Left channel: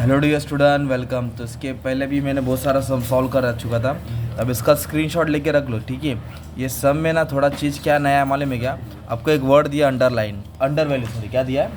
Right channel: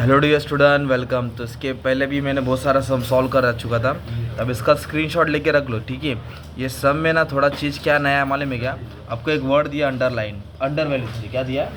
Hello dear student, welcome. तो इसके पहले भी मैंने बहुत सारा सम सॉल्व कर चुका था। अब इसका स्क्रीनशॉट लेके रख लो, ठीक है। ये सम में ना थोड़ा चीज़ क्या नया है मालूम है क्या? आपको एक वर्ड दिया अंडरलाइन, अंडर वैल्यू, सॉरी क्या दिया,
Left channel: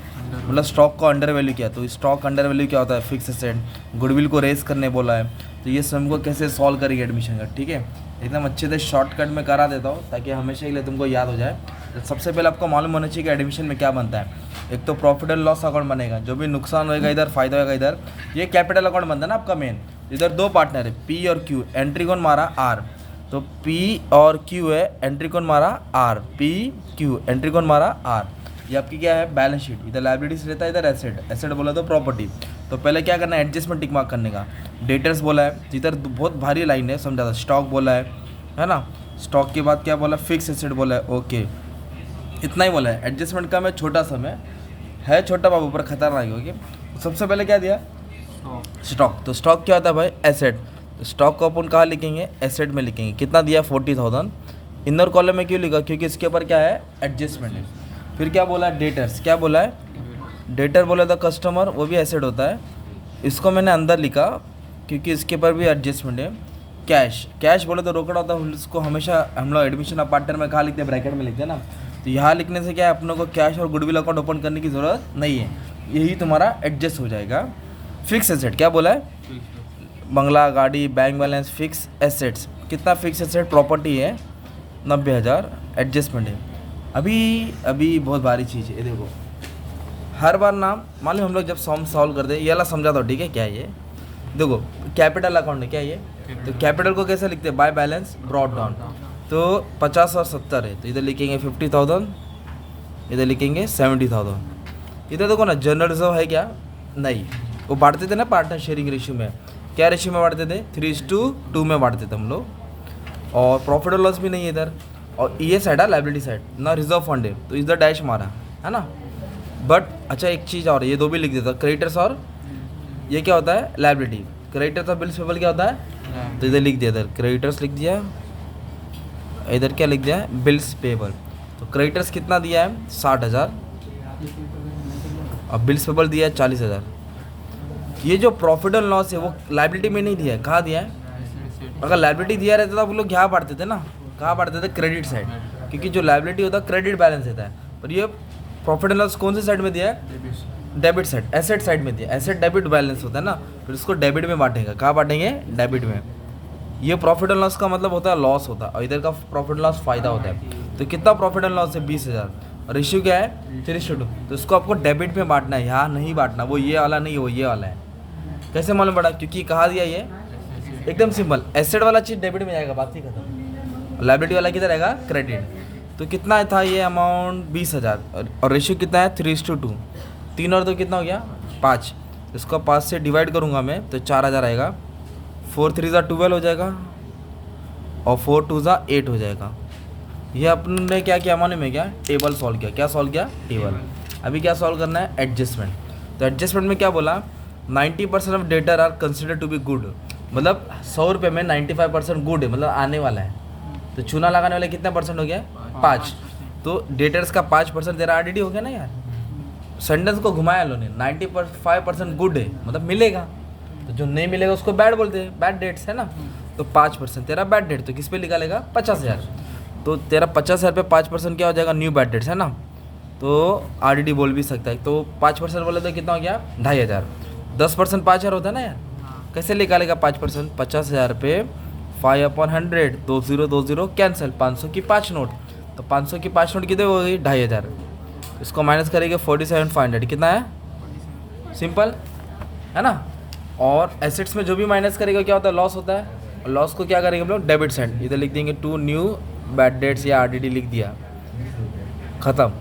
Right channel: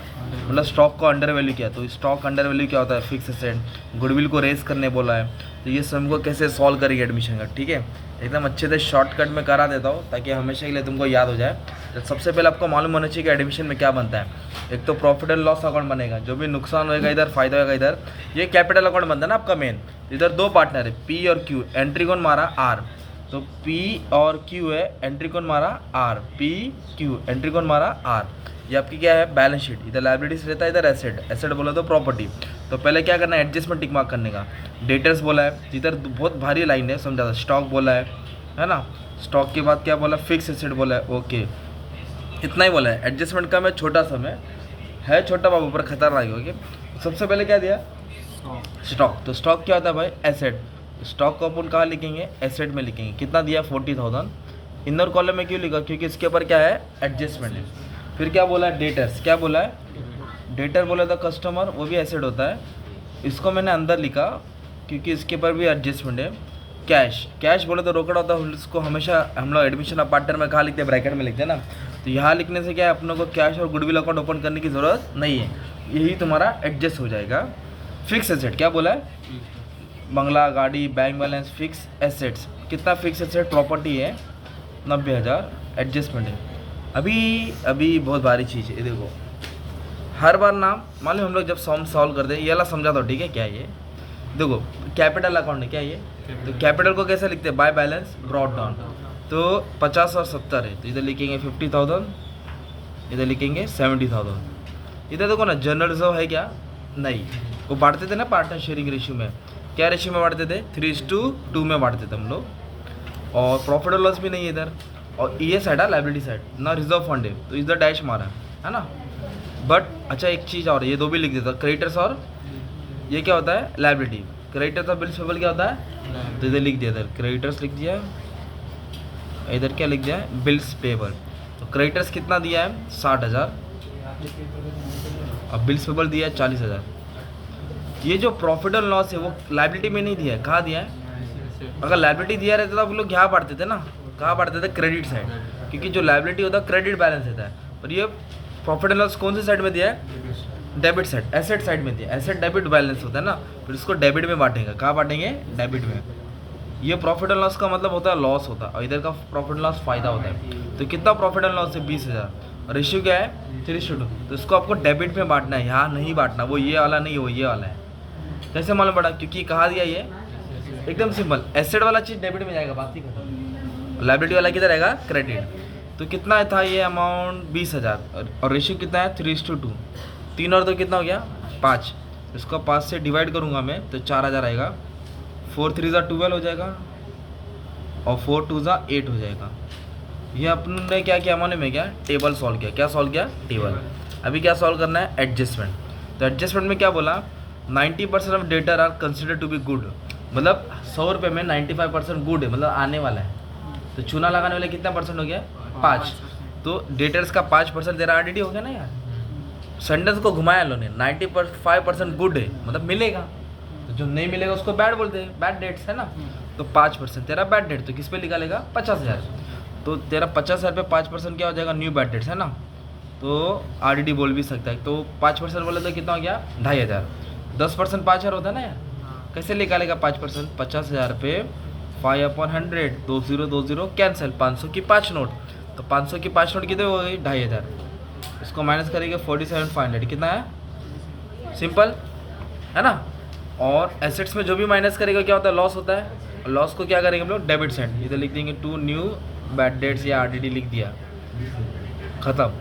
मतलब स्टॉक को अंडर वैल्यू किया। तो स्टॉक अंडर वैल्यू क्या होता है? Fix asset. गुडविल को रेस करने बोला है। तो ये सम को कैसे सॉल्व करेंगे एडमिशन का, ठीक है। एकदम अच्छे से शॉर्टकट में करा देता हूँ ताकि हमेशा के लिए तुमको याद हो जाए। तो सबसे पहले आपको मालूम होना चाहिए कि एडमिशन में क्या बनता है। एक तो प्रॉफिट एंड लॉस अकाउंट बनेगा, जो भी नुकसान होएगा इधर, फायदा होएगा इधर। ये कैपिटल अकाउंट बनता है ना आपका मेन। तो इधर दो पार्टनर है, पी और क्यू। एंट्री कौन मारा? आर। तो पी और क्यू है, एंट्री कौन मारा? आर। पी क्यू, एंट्री कौन मारा? आर। ये आपकी क्या है? Balance sheet. इधर लाइबिलिटीज रहता है, इधर एसेट। एसेट बोला तो प्रॉपर्टी। तो पहले क्या करना है? एडजस्टमेंट टिक मार्क करने का। डेटर्स बोला है, इधर बहुत भारी लाइन है, समझा था। स्टॉक बोला है ना। स्टॉक के बाद क्या बोला? फिक्स एसेट बोला है, ओके। इतना ही बोला है। एडजस्टमेंट का मैं छोटा समय है, छोटा बाबू पर खतरनाक हो गया। सबसे पहले क्या दिया? स्टॉक। तो स्टॉक क्या होता है भाई? एसेट। स्टॉक को अपन कहाँ लिखेंगे? एसेट में लिखेंगे। कितना दिया? 40,000। इनर कॉलम में क्यों लिखा? क्योंकि इसके ऊपर क्या है? एडजस्टमेंट है। फिर क्या बोला? डेटर्स। क्या बोला है? डेटर बोला था कस्टमर, वो भी एसेट होता है। इसको मैंने अंदर लिखा क्योंकि इसके ऊपर भी एडजस्टमेंट है। कैश। कैश बोले तो रोकड़ा होता है, उसको हमेशा हम लोग एडमिशन अपार्टमेंट में कहाँ लिखते हैं? ब्रैकेट में लिखते हैं ना। तो यहाँ लिखने से क्या है, अपने को कैश और गुडविल अकाउंट ओपन करने की ज़रूरत नहीं है। यही तुम्हारा एडजस्ट हो जाएगा। फिक्स एसेट क्या बोला है? बंगला, गाड़ी, बैंक बैलेंस, फिक्स एसेट्स। कितना फिक्स एसेट? प्रॉपर्टी है 90,000। एडजस्टमेंट है। अभी अभी बहुत भारी चीज़ है, ये देखो। हर बार ना मालूम हम लोग जब सॉम सॉल्व करते हैं, ये वाला समझा दो, ठीक है। क्या है ये? देखो, कैपिटल अकाउंट है। क्या ये? तो कैपिटल को कैसे लिखते हैं? By balance brought down. तो 50 और 70 है, तो इधर लिखेंगे 50,000, इधर लिखेंगे 70,000। इधर देखो ना, जनरल रिजर्व है क्या? नहीं। वो बांटते थे ना पार्टनर शेयरिंग रेशियो में। क्या रेशियो में बांटते थे? 3:2 में बांटते थे हम लोग। और प्रॉफिट और लॉस भी नहीं है इधर। और ये साइड है लाइबिलिटी साइड ना, रिजर्व फंड है, तो इधर डैश मारा है ना। बट अच्छा एक चीज़ और, ये दो भी लिख देता, क्रेडिटर्स और ये क्या होता है? लाइबिलिटी। क्रेडिटर्स और बिल्स पेबल क्या होता है? तो इधर लिख दिया, इधर क्रेडिटर्स लिख दिया, इधर क्या लिख दिया है? Bills payable. तो क्रेडिटर्स कितना दिया है? 60,000। और बिल्स पेबल दिया है 40,000। ये जो प्रॉफिट एंड लॉस है वो लाइबिलिटी में नहीं दिया है, कहाँ दिया है? अगर लाइबिलिटी दिया रहता था वो लोग क्या बांटते थे ना, कहाँ बांटते थे? Credit side. क्योंकि जो लाइबिलिटी होता है क्रेडिट बैलेंस रहता है, और ये प्रॉफिट एंड लॉस कौन सी साइड में दिया है? डेबिट साइड, एसेट साइड में दिया। एसेट डेबिट बैलेंस होता है ना, फिर इसको डेबिट में बांटेंगे। कहाँ बांटेंगे? डेबिट में। ये प्रॉफिट एंड लॉस का मतलब होता है लॉस होता है, और इधर का प्रॉफिट एंड लॉस फायदा होता है। तो कितना प्रॉफिट एंड लॉस है? 20,000। और रेशियो क्या है? 3:2। तो इसको आपको डेबिट में बांटना है, यहाँ नहीं बांटना। वो ये वाला नहीं, वो ये वाला है। कैसे मालूम पड़ा? क्योंकि कहाँ दिया ये? एकदम सिंपल, एसेट वाला चीज़ डेबिट में जाएगा, बात ही खत्म। लाइबिलिटी वाला किधर रहेगा? क्रेडिट। तो कितना था ये अमाउंट? 20,000। और रेशियो कितना है? 3:2। 3 और 2 कितना हो गया? 5। इसको 5 से डिवाइड करूँगा मैं तो 4,000 आएगा। 4×3 = 12 हो जाएगा, और 4×2 = 8 हो जाएगा। ये अपने क्या किया मालूम है क्या? टेबल सॉल्व किया। क्या सॉल्व किया? टेबल। अभी क्या सॉल्व करना है? एडजस्टमेंट। तो एडजस्टमेंट में क्या बोला? 90% of data are consider to be good. मतलब 100 रुपये में 95% गुड है, मतलब आने वाला है। तो चूना लगाने वाले कितना परसेंट हो गया? 5। तो डेटर्स का 5% तेरा आरडीडी हो गया ना यार। सेंटेंस को घुमाया लो ने, 95% गुड है मतलब मिलेगा। तो जो नहीं मिलेगा उसको बैड बोलते हैं, बैड डेट्स है ना। तो 5% तेरा बैड डेट, तो किस पे लिखा? 50,000। तो तेरा 50,000 पे 5% क्या हो जाएगा? न्यू बैड डेट्स है ना। तो आरडीडी बोल भी सकता है। तो 5% बोले तो कितना हो गया? 2,500। 10% 5,000 होता है ना यार। कैसे निकालेगा 5%? 50,000 पे 5/100, 2020 कैंसिल। 500 की 5 नोट, तो 500 की 5 नोट कितने हो गई? 2,500। इसको माइनस करेंगे 47,500, कितना है? सिंपल है ना। और एसेट्स में जो भी माइनस करेगा क्या होता है? लॉस होता है। और लॉस को क्या करेंगे हम लोग? Debit side. इधर लिख देंगे 2 न्यू बैड डेट्स, या आरडीडी लिख दिया, ख़त्म।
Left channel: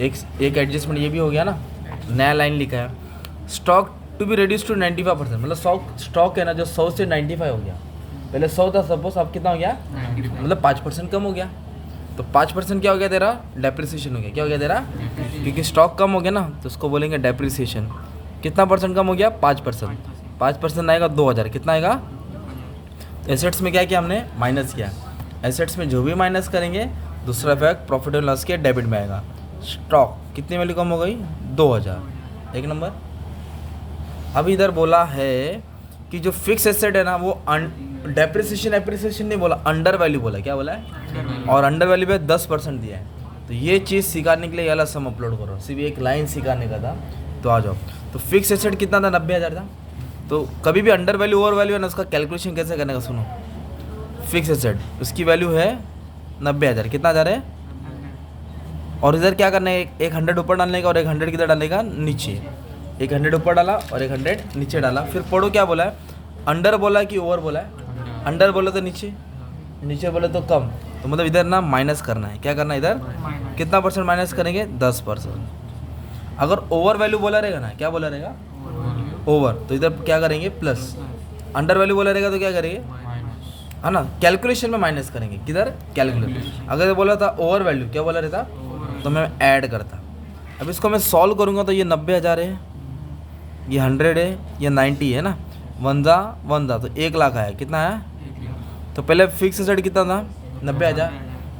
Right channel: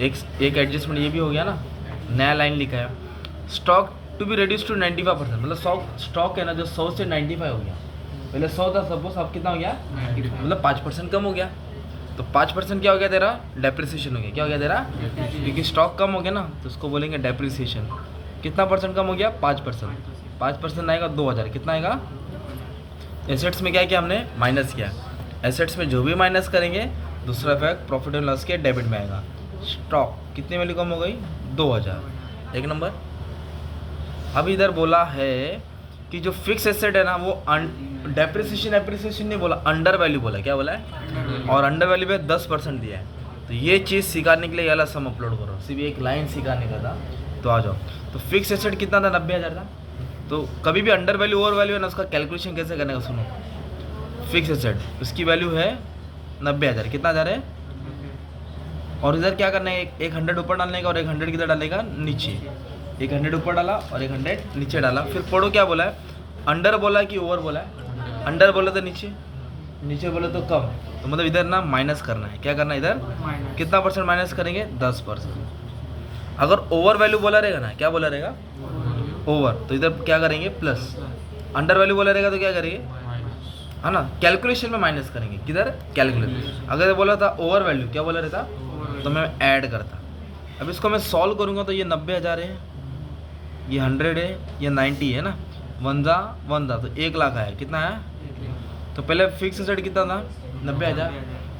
एक एडजस्टमेंट ये भी हो गया ना। नया लाइन लिखा है, stock to be reduce to 95%। मतलब स्टॉक है ना जो 100 से 95 हो गया। पहले 100 था सपोज, अब कितना हो गया? 95। मतलब 5% कम हो गया। तो 5% क्या हो गया तेरा? डेप्रिसिएशन हो गया। क्या हो गया तेरा? क्योंकि स्टॉक कम हो गया ना, तो उसको बोलेंगे डेप्रिसिएशन। कितना परसेंट कम हो गया? 5%। 5% आएगा 2,000। कितना आएगा? एसेट्स में क्या किया हमने? माइनस किया। एसेट्स में जो भी माइनस करेंगे दूसरा फैक्ट प्रॉफिट एंड लॉस के डेबिट में आएगा। स्टॉक कितनी वैल्यू कम हो गई? 2,000। एक नंबर। अब इधर बोला है कि जो फिक्स एसेट है ना वो डेप्रिसिएशन एप्रिसिएशन नहीं बोला, अंडर वैल्यू बोला। क्या बोला है? और अंडर वैल्यू पे 10% दिया है। तो ये चीज़ सिखाने के लिए ये वाला सम अपलोड करो, सिर्फ एक लाइन सिखाने का था। तो आ जाओ। तो फिक्स एसेट कितना था? 90,000 था। तो कभी भी अंडर वैल्यू ओवर वैल्यू है ना, उसका कैलकुलेशन कैसे करने का सुनो। फिक्स एसेट उसकी वैल्यू है 90,000, कितना हज़ार है? और इधर क्या करना है, एक 100 ऊपर डालने का और एक 100 किधर डालने का? नीचे। एक 100 ऊपर डाला और एक 100 नीचे डाला। फिर पढ़ो क्या बोला है, अंडर बोला कि ओवर बोला है? अंडर बोला तो नीचे, नीचे बोले तो कम। तो मतलब इधर ना माइनस करना है। क्या करना है इधर? कितना परसेंट माइनस करेंगे? 10%। अगर ओवर वैल्यू बोला रहेगा ना, क्या बोला रहेगा? ओवर, तो इधर क्या करेंगे? प्लस। अंडर वैल्यू बोला रहेगा तो क्या करेंगे? है ना, कैलकुलेशन में माइनस करेंगे। किधर? कैलकुलेट। अगर बोला था ओवर वैल्यू, क्या बोला रहता? तो मैं ऐड करता। अब इसको मैं सॉल्व करूँगा तो ये 90,000 है, ये 100 है, ये 90 है ना। 1 जा तो 1 लाख आया। कितना आया? तो पहले फिक्स एसेट कितना था? 90,000।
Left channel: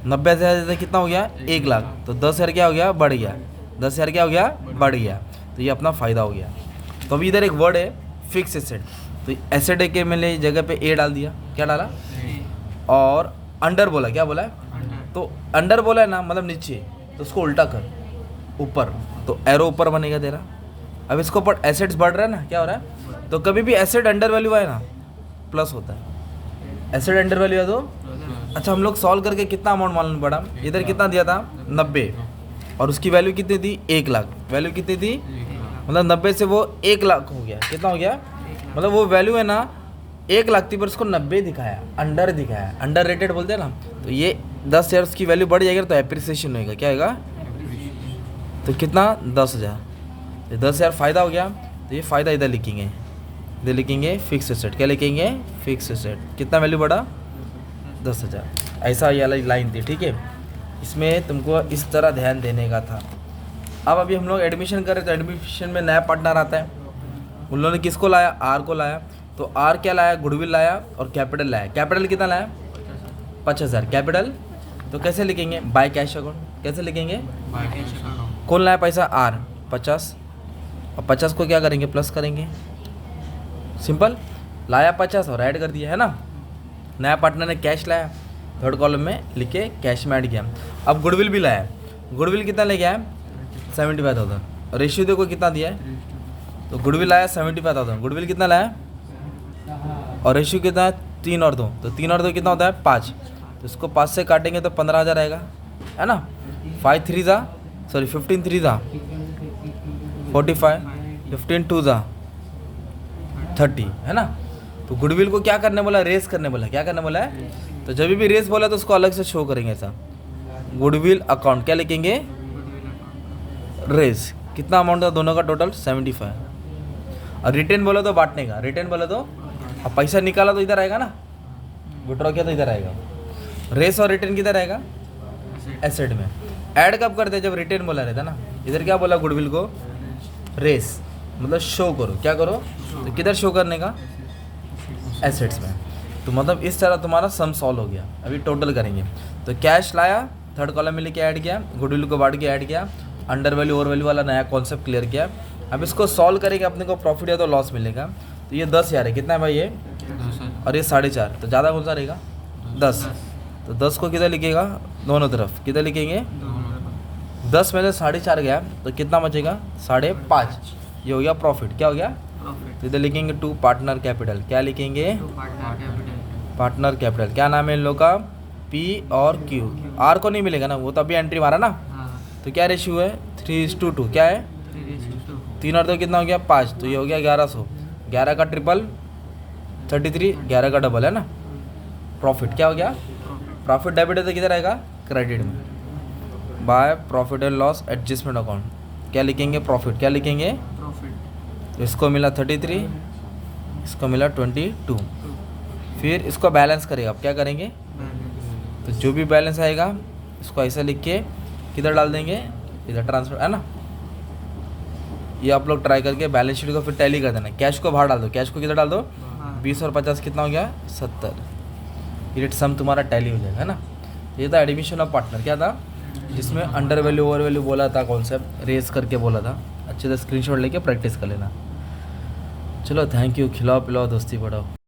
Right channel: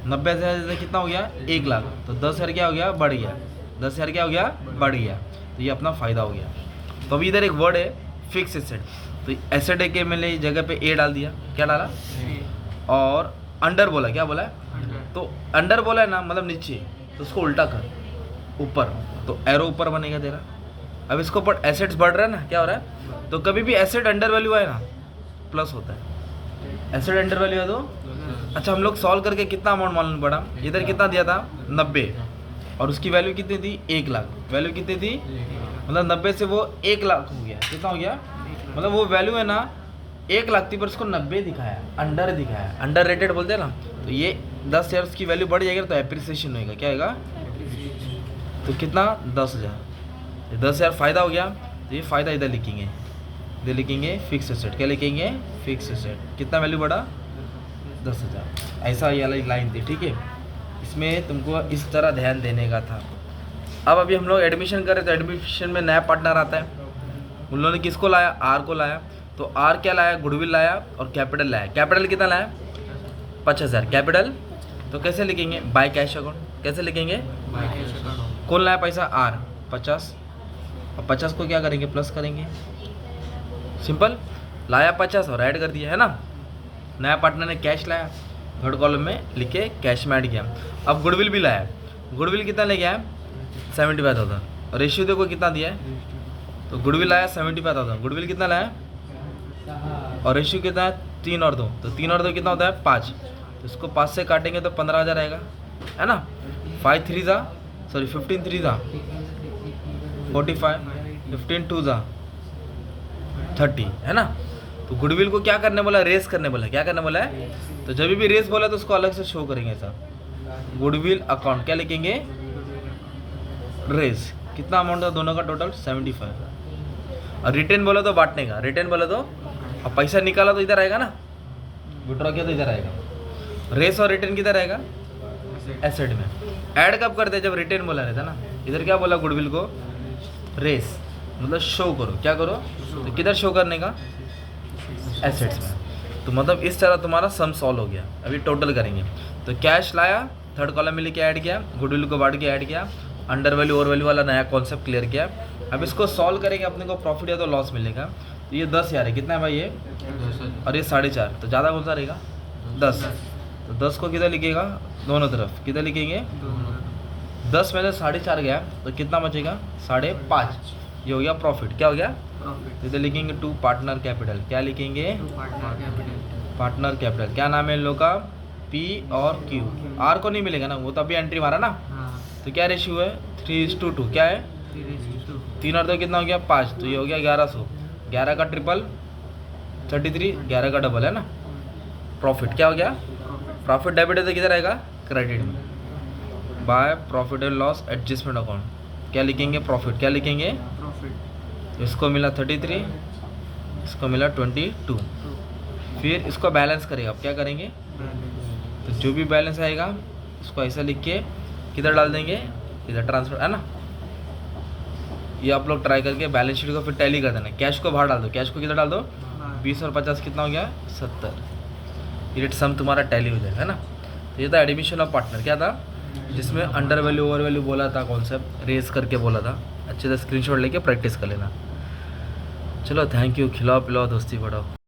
90,000 कितना हो गया? 1 लाख। तो 10,000 क्या हो गया? बढ़ गया। 10,000 क्या हो गया? बढ़ गया। तो ये अपना फ़ायदा हो गया। तो अभी इधर एक वर्ड है फिक्स एसेट, तो एसेट के मैंने जगह पे ए डाल दिया। क्या डाला? और अंडर बोला। क्या बोला है? तो अंडर बोला है ना, मतलब नीचे, तो उसको उल्टा कर, ऊपर, तो एरो ऊपर बनेगा तेरा। अब इसको ऊपर एसेट्स बढ़ रहा है ना, क्या हो रहा है? तो कभी भी एसेट अंडर वैल्यू आए ना, प्लस होता है। एसेट अंडर वैल्यू है तो अच्छा, हम लोग सॉल्व करके कितना अमाउंट मालूम पड़ा? इधर कितना दिया था? 90, और उसकी वैल्यू कितनी थी? 1 लाख। वैल्यू कितनी थी? मतलब 90 से वो 1 लाख हो गया। कितना हो गया? मतलब वो वैल्यू है ना 1 लाख थी, पर उसको 90 दिखाया, अंडर दिखाया, अंडर रेटेड बोलते हैं ना। तो ये 10 शेयर्स की वैल्यू बढ़ जाएगी तो एप्रिसिएशन होएगा। क्या होगा? तो कितना? 10,000। तो 10,000 फ़ायदा हो गया। तो ये फ़ायदा इधर लिखेंगे, इधर लिखेंगे फिक्स एसेट। क्या लिखेंगे? Fix asset. कितना वैल्यू बढ़ा? 10,000। ऐसा ये वाली लाइन थी, ठीक है। इसमें तुमको इस तरह ध्यान देने का था। अब अभी हम लोग एडमिशन कर रहे, तो एडमिशन में नया पार्टनर आता है। उन लोगों ने किसको लाया? आर को लाया। तो आर क्या लाया? गुडविल लाया और कैपिटल लाया। कैपिटल कितना लाया? 50,000 कैपिटल। तो कैसे लिखेंगे? By cash account. कैसे लिखेंगे? By cash account. कौन लाया पैसा? आर। 50, और 50 को क्या करेंगे? प्लस करेंगे। सिंपल। लाया 50 और ऐड कर दिया, है ना। नया पार्टनर ने कैश लाया, थर्ड कॉलम में लिख के कैश में ऐड किया। अब गुडविल भी लाया। गुडविल कितना ले गया? 75,000। और रेशियो देखो कितना दिया है? तो गुडविल लाया 75,000। गुडविल कितना लाया? और रेशियो कितना है? 3 और 2। तो 3 और 2 कितना होता है? 5। तो इसको 5 से काटेंगे तो 15,000 आएगा, है ना। 5 3 जा, सॉरी 15 3 जा 45, 15 2 जा 30, है ना। तो गुडविल को क्या करने बोला? रेस करने बोला। क्या करने बोला है? तो जब भी रेस बोला तो उसको अलग से शो करेंगे ऐसा। गुडविल अकाउंट क्या लिखेंगे? रेस। कितना अमाउंट था दोनों का? टोटल 75। और रिटर्न बोला तो बांटने का। रिटर्न बोला तो, अब पैसा निकाला तो इधर आएगा ना, विड्रॉ किया तो इधर आएगा। रेस और रिटर्न किधर आएगा? एसेट में। ऐड कब करते हैं? जब रिटर्न बोला रहता ना। इधर क्या बोला गुडविल को? रेस, मतलब शो करो। क्या करो? तो किधर शो करने का? एसेट्स में। तो मतलब इस तरह तुम्हारा सम सॉल्व हो गया। अभी टोटल करेंगे। तो कैश लाया, थर्ड कॉलम में लेके ऐड किया, गुडविल को बांट के ऐड किया, अंडर वैल्यू ओवर वैल्यू वाला नया कॉन्सेप्ट क्लियर किया। अब इसको सॉल्व करेंगे, अपने को प्रॉफिट या तो लॉस मिलेगा। तो ये 10,000 है। कितना है भाई ये? 10,000। और ये 4.5, तो ज़्यादा कौन सा रहेगा? 10। तो 10 को किधर लिखेगा? दोनों तरफ। किधर लिखेंगे? 10 में से 4.5 गया तो कितना बचेगा? 5.5। ये हो गया प्रॉफिट। क्या हो गया? तो इधर लिखेंगे टू पार्टनर कैपिटल। क्या लिखेंगे? Partner capital. क्या नाम है इन लोग का? पी और क्यू। आर को नहीं मिलेगा ना, वो तो अभी एंट्री मारा ना। तो क्या रेशियो है? 3:2। क्या है? 3 और 2 कितना हो गया? 5। तो ये हो गया 1100। 11 का ट्रिपल 33, 11 का डबल, है ना। प्रॉफिट क्या हो गया? प्रॉफिट डेबिट है तो किधर आएगा? क्रेडिट में। By profit and loss adjustment account. क्या लिखेंगे? प्रॉफिट। क्या लिखेंगे? इसको मिला 33, इसको मिला 22। फिर इसको बैलेंस करेगा। अब क्या करेंगे? तो जो भी बैलेंस आएगा इसको ऐसा लिख के किधर डाल देंगे? इधर ट्रांसफर, है ना। ये आप लोग ट्राई करके बैलेंस शीट को फिर टैली कर देना। कैश को बाहर डाल दो। कैश को किधर डाल दो? 20 और 50 कितना हो गया? 70। ये सम तुम्हारा टैली हो जाएगा, है ना। ये था एडमिशन ऑफ पार्टनर। क्या था? जिसमें अंडर वैल्यू ओवर वैल्यू बोला था, कॉन्सेप्ट रेस करके बोला था। अच्छे से स्क्रीनशॉट लेके प्रैक्टिस कर लेना। चलो थैंक यू, खिलाओ पिलाओ दोस्ती बढ़ाओ।